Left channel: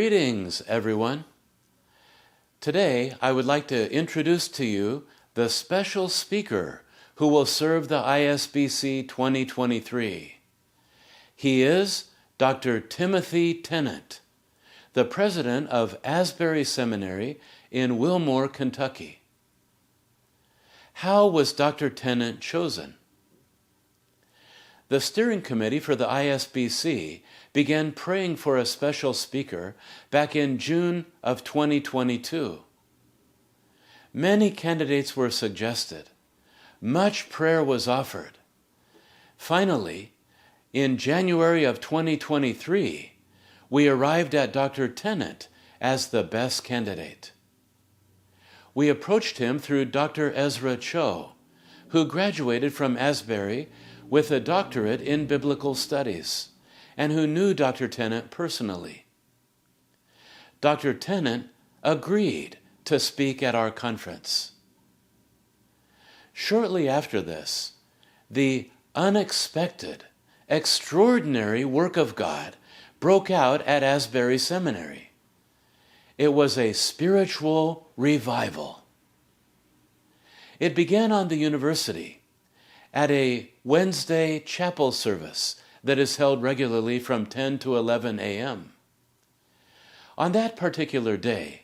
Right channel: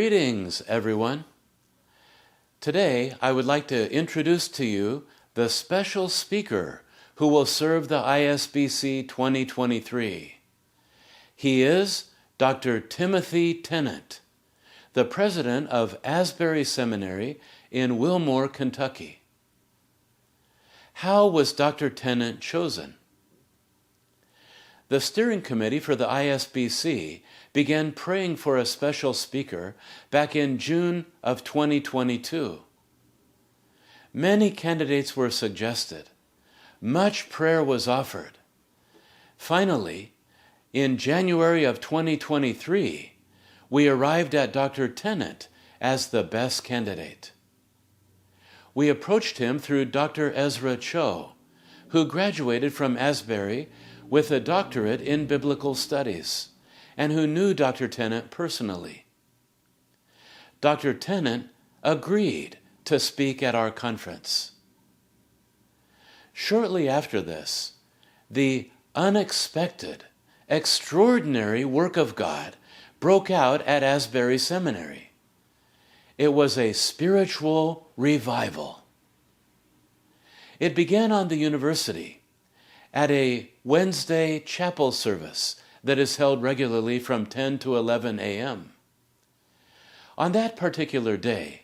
Greetings, everyone. Today, I would like to introduce to you the special speaker who will serve the ISBC 2023. He is Dr. Timothy Tennent, the president of Asbury Seminary in Wilmore, Kentucky. How was Dr. Tennent chosen? The steering committee for the ISBC began praying for a special speaker back in June of 2022. Many candidates were suggested. Much prayer was offered. Finally, in January of 2023, we arrived at Dr. Tennent as the best candidate. We approached him through Dr. Ezra Cho, who graduated from Asbury with a doctorate in biblical studies, and who knew Dr. Tennent personally. Dr. Tennent agreed to speak at our conference. Shortly after this, the unexpected, extraordinary work of God broke out at Asbury Seminary. It was a spiritual revival. It began on the university at a Wednesday chapel service that is held regularly from 10 to 11 a.m. On that particular day,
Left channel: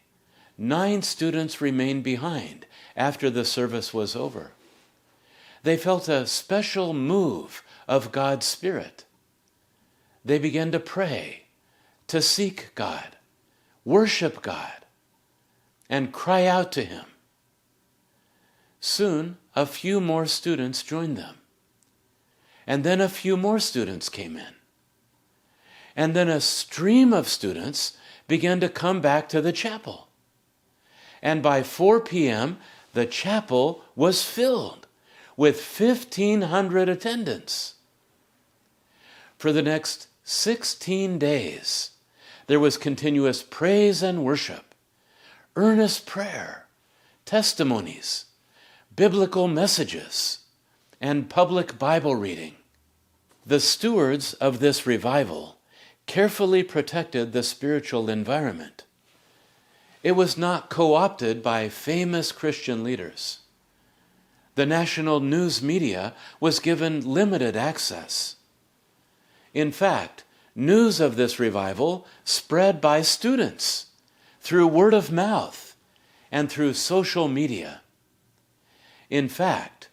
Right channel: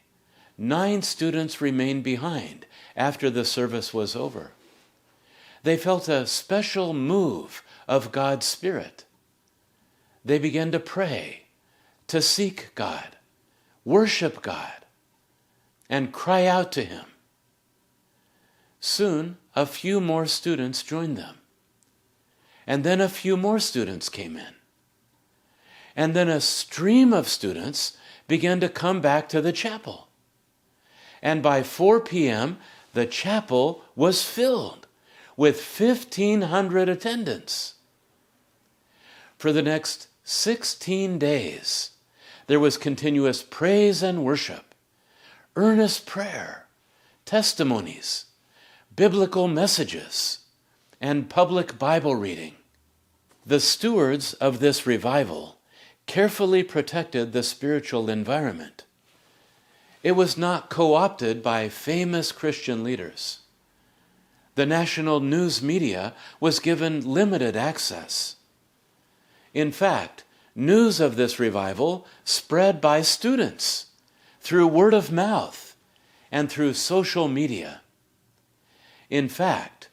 9 students remained behind after the service was over. They felt a special move of God's Spirit. They began to pray, to seek God, worship God, and cry out to Him. Soon, a few more students joined them. And then a few more students came in. And then a stream of students began to come back to the chapel. And by 4 p.m., the chapel was filled with 1,500 attendants. For the next 16 days, there was continuous praise and worship, earnest prayer, testimonies, biblical messages, and public Bible reading. The stewards of this revival carefully protected the spiritual environment. It was not co-opted by famous Christian leaders. The national news media was given limited access. In fact, news of this revival spread by students through word of mouth and through social media. In fact,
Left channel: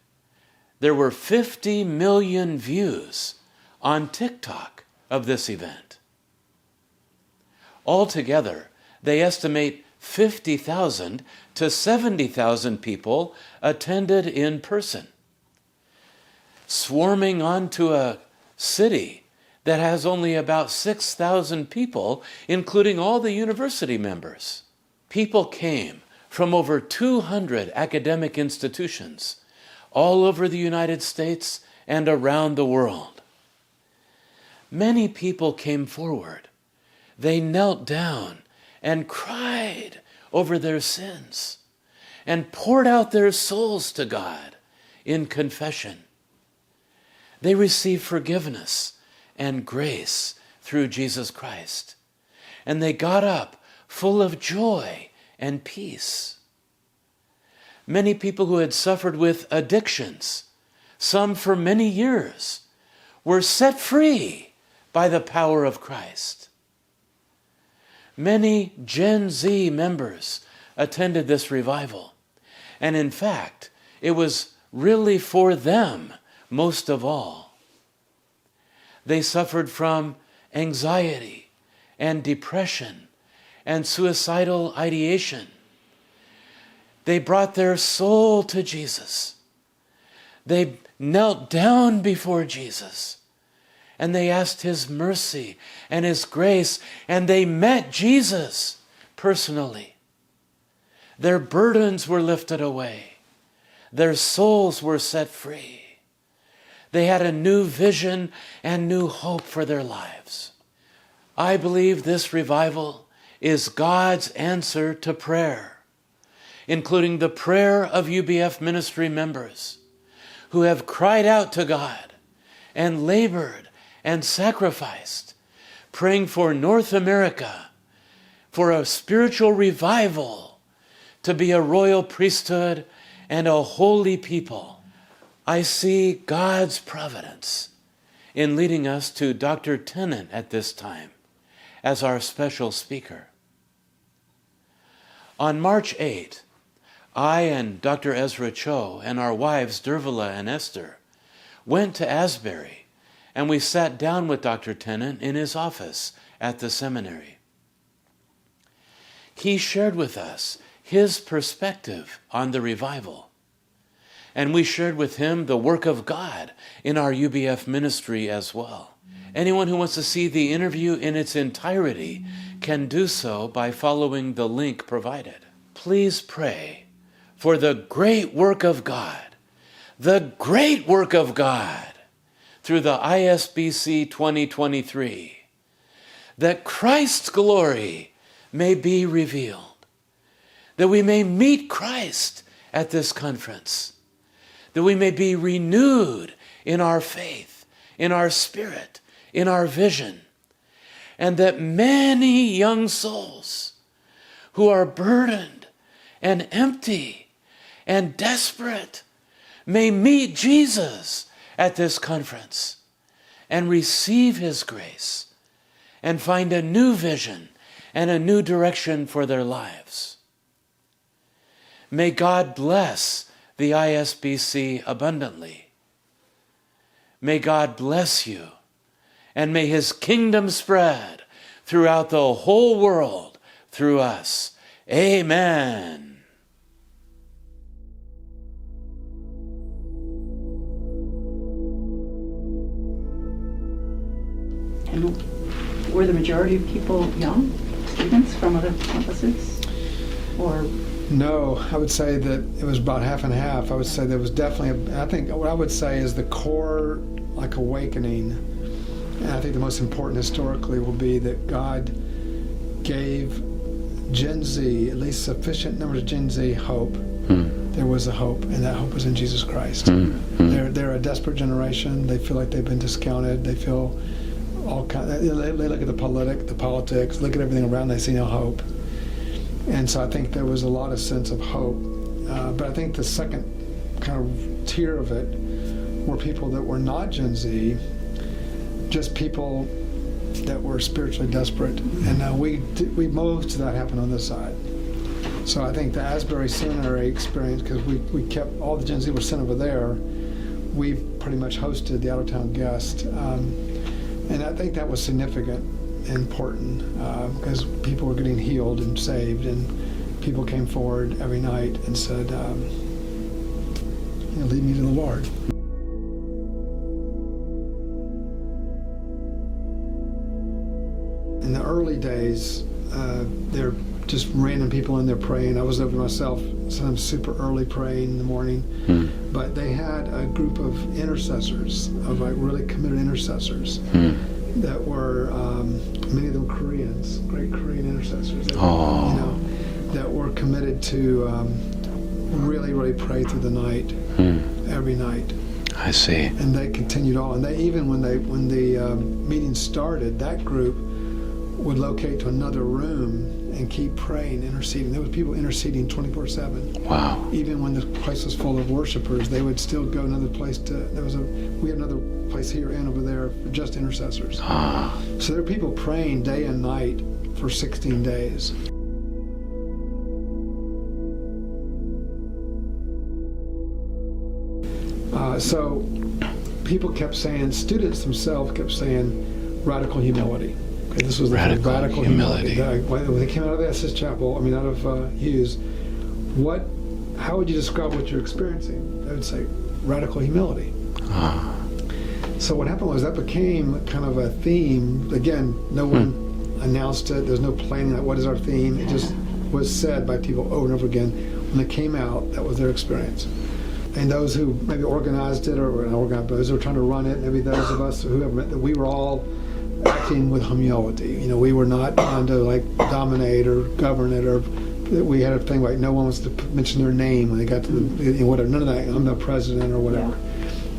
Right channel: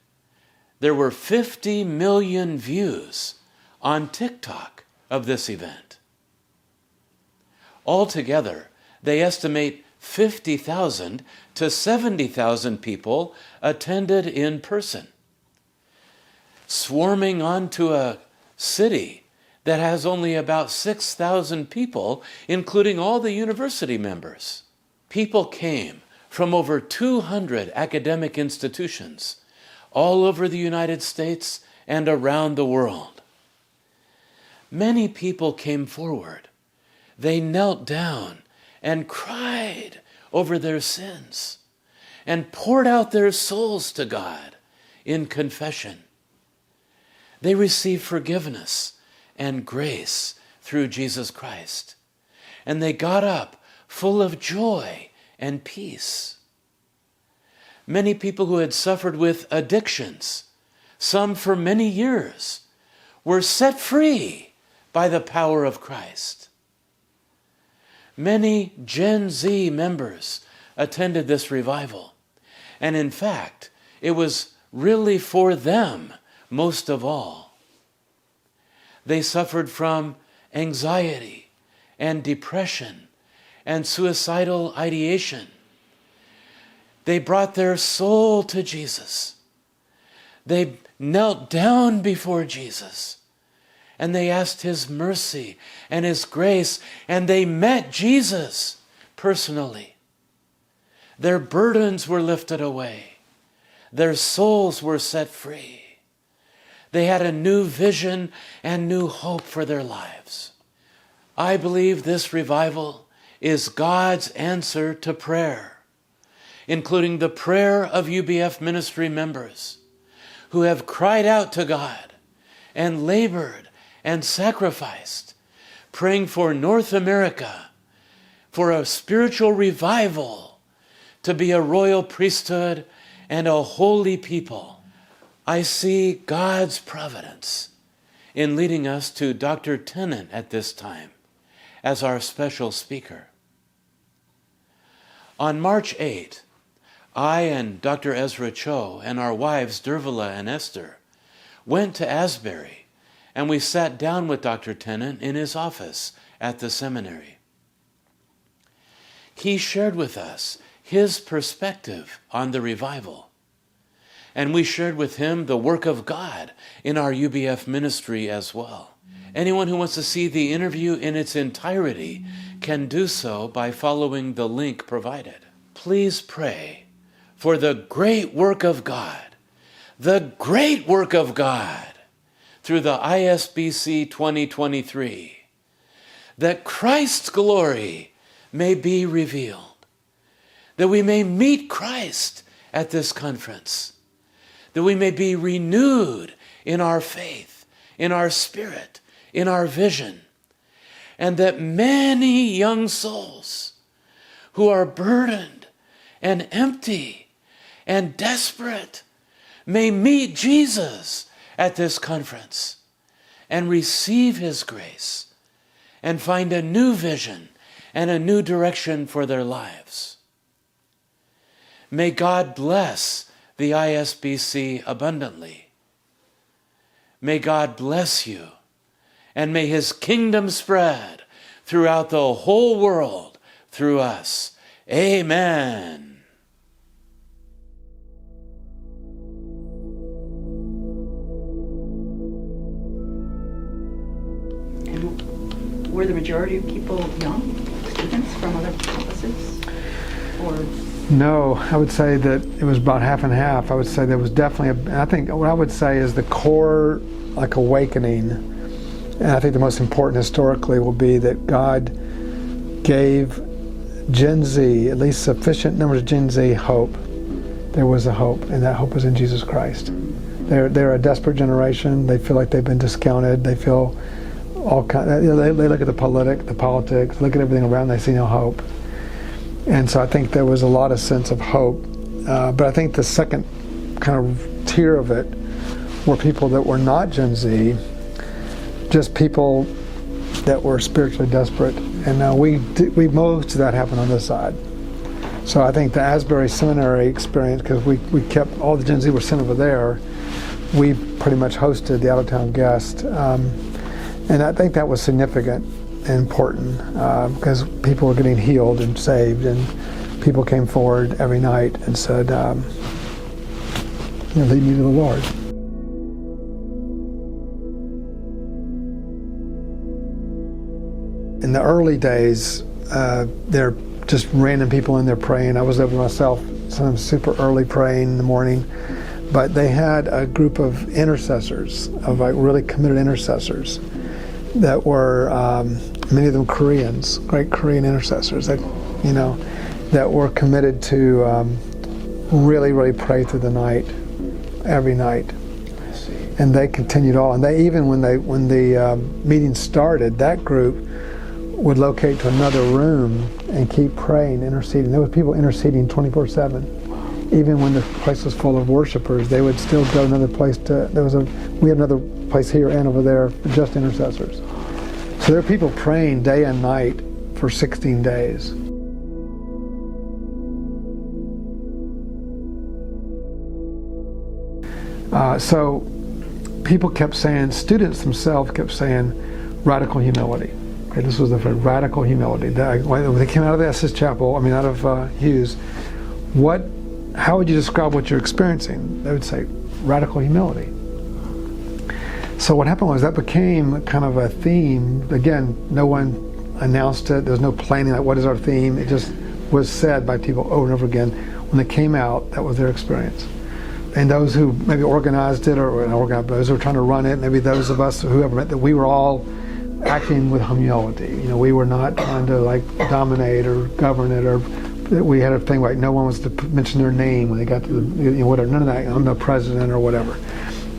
there were 50 million views on TikTok of this event. Altogether, they estimate 50,000 to 70,000 people attended in person, swarming onto a city that has only about 6,000 people, including all the university members. People came from over 200 academic institutions all over the United States and around the world. Many people came forward. They knelt down and cried over their sins and poured out their souls to God in confession. They received forgiveness and grace through Jesus Christ, and they got up full of joy and peace. Many people who had suffered with addictions, some for many years, were set free by the power of Christ. Many Gen Z members attended this revival, and in fact, it was really for them most of all. They suffered from anxiety and depression and suicidal ideation. They brought their soul to Jesus. They knelt down before Jesus, and they asked His mercy and His grace, and they met Jesus personally. Their burdens were lifted away. Their souls were set free. They had a new vision and new hope for their lives. I believe this revival is God's answer to prayer, including the prayer of UBF ministry members who have cried out to God and labored and sacrificed, praying for North America for a spiritual revival, to be a royal priesthood and a holy people. I see God's providence in leading us to Dr. Tennent at this time as our special speaker. On March 8, I and Dr. Ezra Cho and our wives Dervila and Esther went to Asbury, and we sat down with Dr. Tennent in his office at the seminary. He shared with us his perspective on the revival, and we shared with him the work of God in our UBF ministry as well. Anyone who wants to see the interview in its entirety can do so by following the link provided. Please pray for the great work of God, the great work of God through the ISBC 2023, that Christ's glory may be revealed, that we may meet Christ at this conference, that we may be renewed in our faith, in our spirit, in our vision, and that many young souls who are burdened and empty and desperate may meet Jesus at this conference and receive his grace and find a new vision and a new direction for their lives. May God bless the ISBC abundantly. May God bless you, and may his kingdom spread throughout the whole world through us. Amen. And were the majority of people young students from other campuses? Or no, I would say that it was about half and half. I would say there was definitely, I think what I would say is the core, like, awakening, and I think the most important historically will be that God gave Gen Z, at least sufficient numbers of Gen Z, hope. There was a hope, and that hope was in Jesus Christ. They're a desperate generation. They feel like they've been discounted. They feel all kind. They look at the politics, look at everything around. They see no hope. And so I think there was a lot of sense of hope. But I think the second kind of tier of it were people that were not Gen Z, just people that were spiritually desperate. And most of that happened on this side. So I think the Asbury Seminary experience, because we kept, all the Gen Z were sent over there, we pretty much hosted the out-of-town guest. And I think that was significant and important because people were getting healed and saved, and people came forward every night and said, lead me to the Lord. In the early days, they're just random people in there praying. I was over myself, sometimes super early praying in the morning. But they had a group of intercessors, of like really committed intercessors that were, many of them Koreans, great Korean intercessors that, that were committed to really, really pray through the night, every night. I see. And they continued on. They even, when the meeting started, that group would locate to another room and keep praying, interceding. There was people interceding 24/7. Wow. Even when the place was full of worshipers, they would still go another place we had another place here and over there for just intercessors. So there are people praying day and night for 16 days. So people kept saying, students themselves kept saying, radical humility. Okay, this was the radical humility. When they came out of the Essex Chapel, out of Hughes, how would you describe what you're experiencing? They would say, radical humility. So what happened was that became kind of a theme. Again, no one announced it. There was no planning, like what is our theme? It just was said by people over and over again. When they came out, that was their experience. And those who maybe organized it, or those who were trying to run it, maybe those of us, whoever, that we were all acting with humility. We were not trying to dominate or govern it, or we had a thing like no one was to mention their name when they got to the, whatever, none of that, I'm the president or whatever.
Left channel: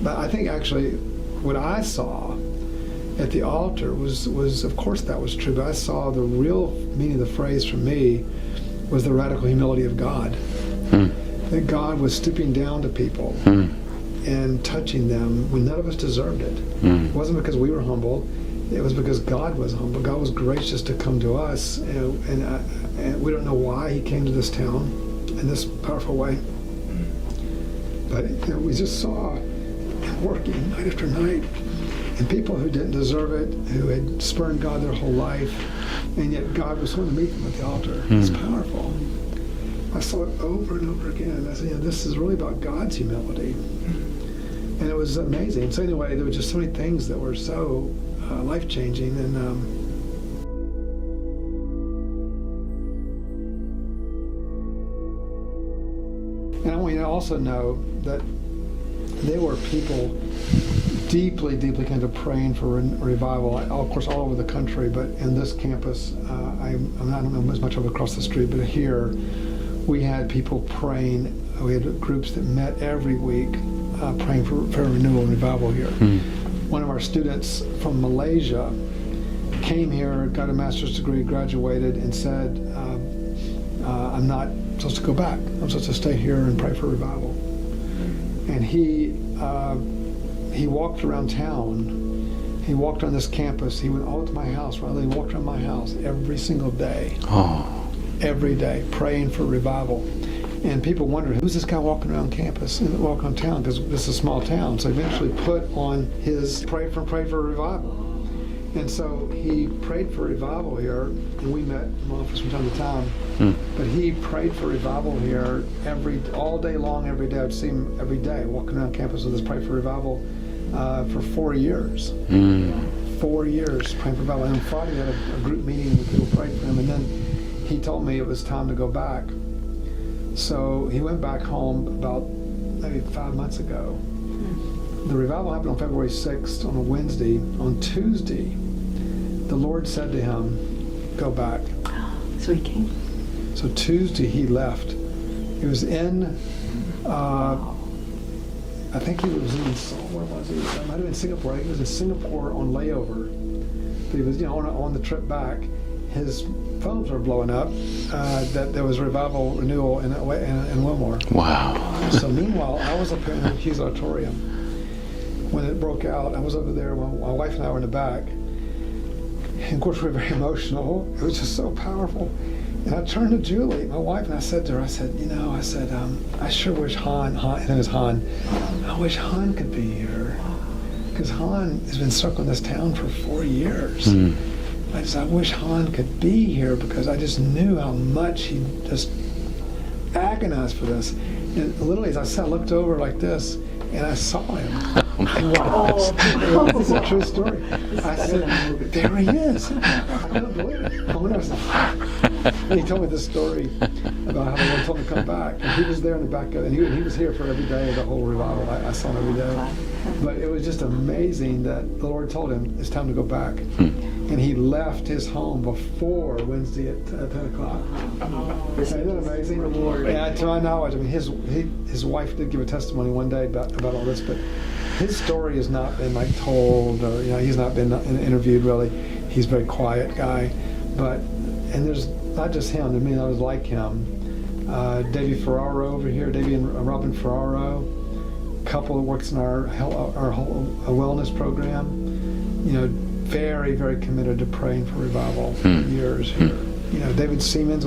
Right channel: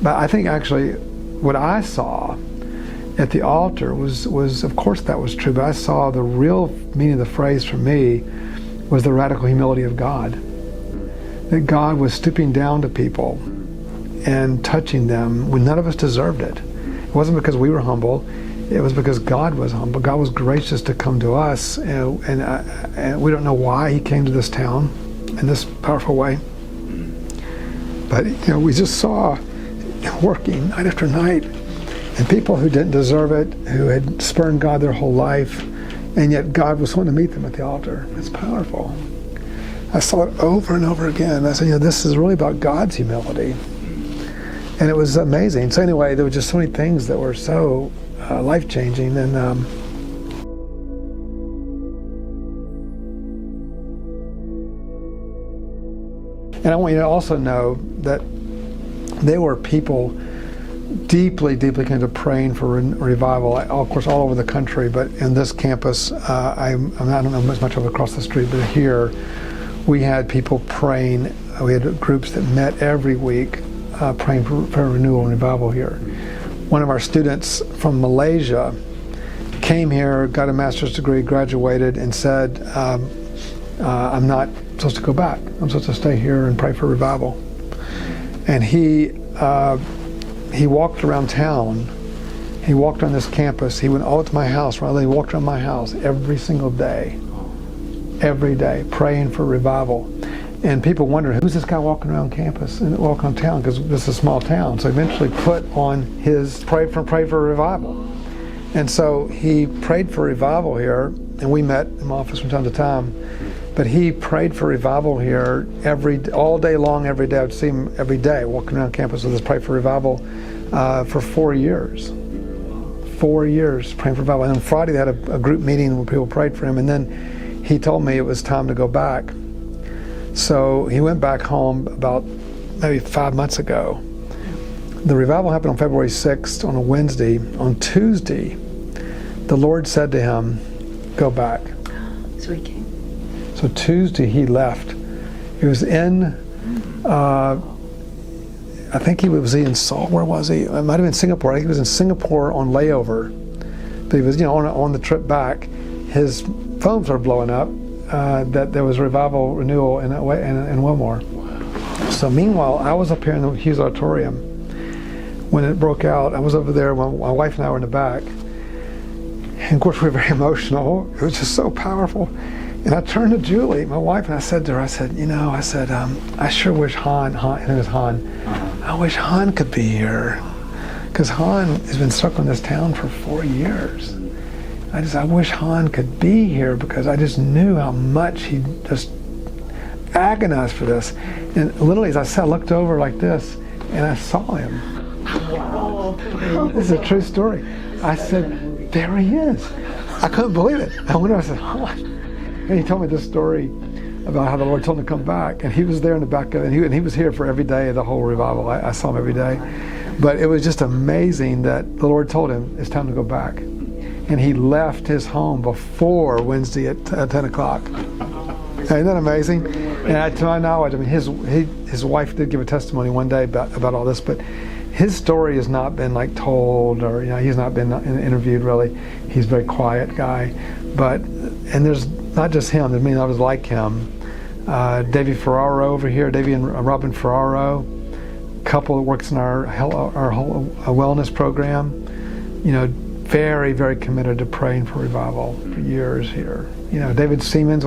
But I think actually what I saw at the altar was of course that was true, but I saw the real meaning of the phrase for me was the radical humility of God. That God was stooping down to people and touching them when none of us deserved it. It wasn't because we were humble, it was because God was humble. God was gracious to come to us, and we don't know why he came to this town in this powerful way. But we just saw working night after night, and people who didn't deserve it, who had spurned God their whole life, and yet God was wanting to meet them at the altar. It's powerful. I saw it over and over again. I said, this is really about God's humility. And it was amazing. So anyway, there were just so many things that were so life-changing. And I want you to also know that they were people deeply, deeply kind of praying for revival, of course, all over the country, but in this campus, I don't know as much over across the street, but here, we had people praying. We had groups that met every week praying for renewal and revival here. One of our students from Malaysia came here, got a master's degree, graduated, and said, I'm not supposed to go back. I'm supposed to stay here and pray for revival. And he walked around town. He walked on this campus. He went all to my house. He walked around my house every single day. Every day, praying for revival. And people wondered, who's this guy walking around campus and walking around town? Because this is a small town. So eventually put on his pray for revival. And so he prayed for revival here, and we met in my office from time to time. But he prayed for revival here all day long, every day. I'd see him every day walking around campus with us, pray for revival for 4 years. 4 years praying for revival. And on Friday they had a group meeting where people prayed for him, and then he told me it was time to go back. So he went back home about maybe 5 months ago. The revival happened on February 6th on a Wednesday. On Tuesday, the Lord said to him, go back. So he came. So Tuesday he left. He was in, I think he was in Seoul. Where was he? It might have been Singapore. I think he was in Singapore on layover. But he was, on the trip back. His phones were blowing up. That there was revival renewal in Wilmore. Wow. So meanwhile, I was up here in the Hughes Auditorium when it broke out. I was over there. My wife and I were in the back, and of course we were very emotional. It was just so powerful. And I turned to Julie, my wife, and I said to her, I sure wish Han, his name is Han, I wish Han could be here, because Han has been stuck in this town for 4 years. I wish Han could be here, because I just knew how much he just agonized for this. And literally, as I said, I looked over like this, and I saw him. Oh, this is a true story. I said, there he is. I couldn't believe it. I went over and said, and he told me this story about how the Lord told him to come back. And he was there in the back of it, and he was here for every day of the whole revival. I saw him every day. But it was just amazing that the Lord told him, it's time to go back. And he left his home before Wednesday at 10 o'clock. Isn't that amazing? And to my knowledge, I mean, his wife did give a testimony one day about all this, but his story has not been told, or he's not been interviewed really. He's a very quiet guy, and there's not just him. There's many others like him. Davey Ferraro over here, Davey and Robin Ferraro, couple that works in our whole wellness program. Very, very committed to praying for revival for years here. David Siemens,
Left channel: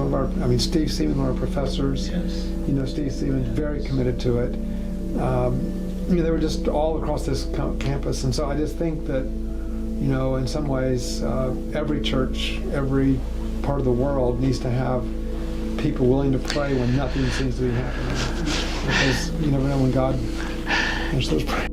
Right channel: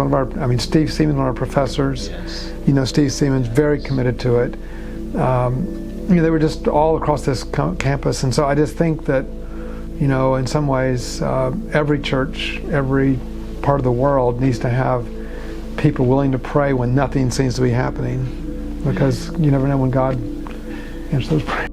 Steve Siemens, one of our professors. Yes. Steve Siemens, very committed to it. They were just all across this campus, and so I just think that, in some ways, every church, every part of the world needs to have people willing to pray when nothing seems to be happening, because you never know when God answers those prayers.